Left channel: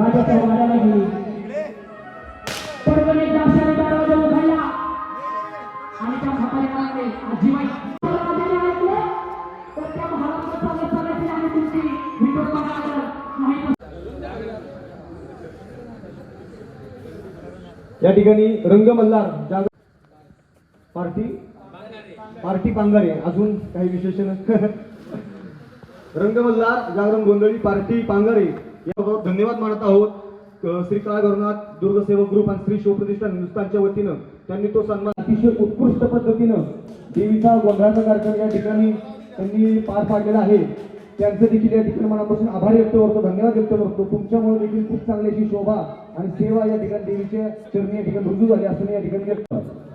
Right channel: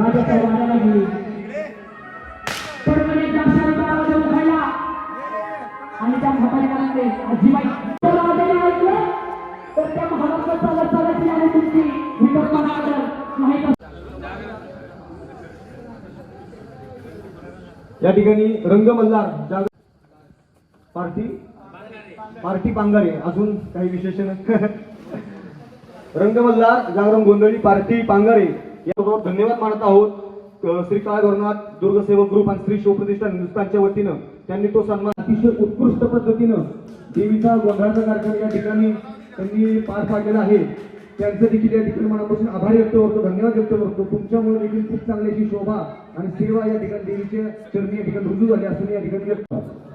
राजाच्या वाड्याला गेली सर्वांनी त्या शाळेत उघडला आणि त्या म्हाताऱ्याला म्हणाले आजीबाई राजाने ऐकलं तर त्या महाराष्ट्र चालत चालत आली तुमची विटप्पा नाही या ठिकाणी रंग मल्हार पार्टी पांगारे अजून काही विशेषण रंग मल्हार जागरण गोंधळी पार्टी पांगारे याबरोबर धन्यवाद मानत आहोत. श्री काळ गरुनाथ दुर्गसेवक ग्रुप आणि श्री शिवप्रतिष्ठान हिंदुस्थानच्या वतीनं त्यांनी तो सन्मान अतिशय उत्कृष्ट पद्धतीनं देवीचा गोंधळाचा कार्यक्रम या ठिकाणी त्यांनी पार पाडलेला आहे. त्यांचे देखील या ठिकाणी मनापासून आभार व्यक्त करतो, धन्यवाद व्यक्त करतो. तुमच्यामुळे देखील खूप चांगली अशी शोभा आणि सेवा या ठिकाणी देवीच्या चरणी या ठिकाणी रुजू झाली असं या ठिकाणी व्यक्त करतो.